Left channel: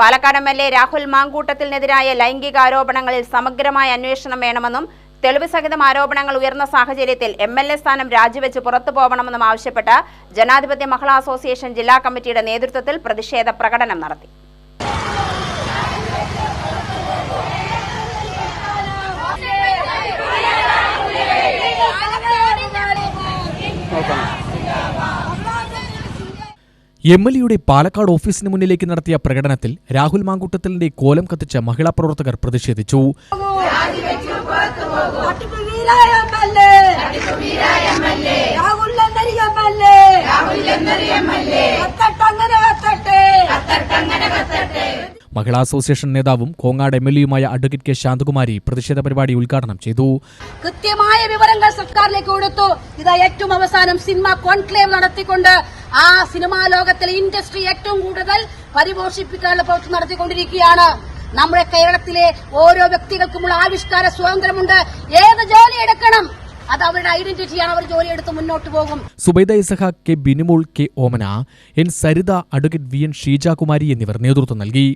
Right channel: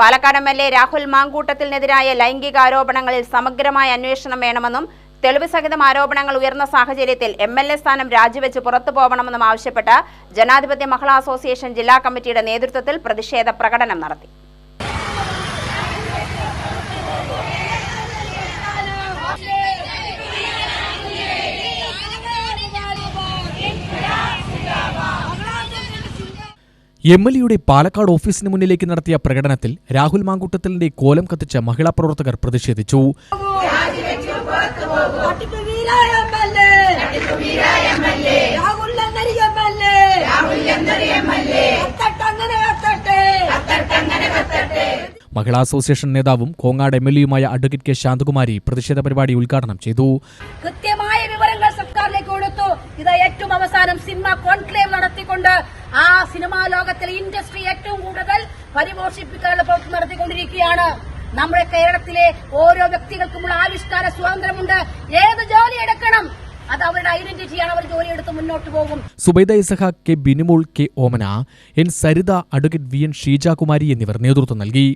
Palakkad M L A Rahul മാങ്കൂട്ടത്തിനെതിരായ ലൈംഗികാരോപണങ്ങളിൽ സമഗ്രമായ അന്വേഷണം വേണമെന്നും തെളിവ് സഹിതം ആരോപണങ്ങൾ ഉയർന്ന സാഹചര്യത്തിൽ എം എൽ എ സ്ഥാനം രാജിവെച്ച് പുറത്തു പോകണമെന്നും ആവശ്യപ്പെട്ട് ജനാധിപത്യ മഹിളാ അസോസിയേഷൻ ജില്ലാ കമ്മിറ്റിയുടെ നേതൃത്വത്തിൽ പ്രതിഷേധ പ്രകടനം നടത്തി. എം എൽ എയുടെ പാലക്കാട് ഓഫീസിന് മുന്നിലേക്ക് നടത്തിയ പ്രകടനത്തിൽ രാഹുൽ മാങ്കൂട്ടത്തിലിന്റെ കോലം കത്തിച്ച മഹിളാ പ്രവർത്തകർ പ്രതിഷേധിച്ചു. മഹിളാ അസോസിയേഷൻ നേതാവും കോങ്ങാട് എം എൽ എയുമായ അഡ്വക്കേറ്റ് കെ ശാന്തകുമാരി പ്രതിഷേധ പരിപാടി ഉദ്ഘാടനം ചെയ്തു കൃത്യമായ വിവരങ്ങൾ സർക്കാരിലേക്ക് കൊടുത്തു ഇതാ ഏറ്റവും അവസാനം സിനിമ കോൺക്ലേവ് നടത്തിക്കൊണ്ട് ആ സിനിമാ ലോകത്തിലെ ഇൻഡസ്ട്രി ഏറ്റവും കൂടുതൽ പരിപോഷിപ്പിക്കാനുള്ള പ്രവൃത്തി നടത്തിക്കൊണ്ടിരിക്കുകയാണ്. നമ്മുടെ കേരളത്തിലെ ഓരോ വ്യക്തികൾക്കുമുള്ള ആവിഷ്കാര സ്വാതന്ത്ര്യമുണ്ട്. ഏത് ജോലി എടുക്കണം? അത് അവരുടെ ഐഡന്റിറ്റിയാണ്. അവർ ജോലി എടുത്ത് മുന്നോട്ട് പോകും. Zubaida Isaha K Binimol K Omana N Saritha advocate V N Sheejakumari എന്നിവർ നേതൃത്വം നൽകി.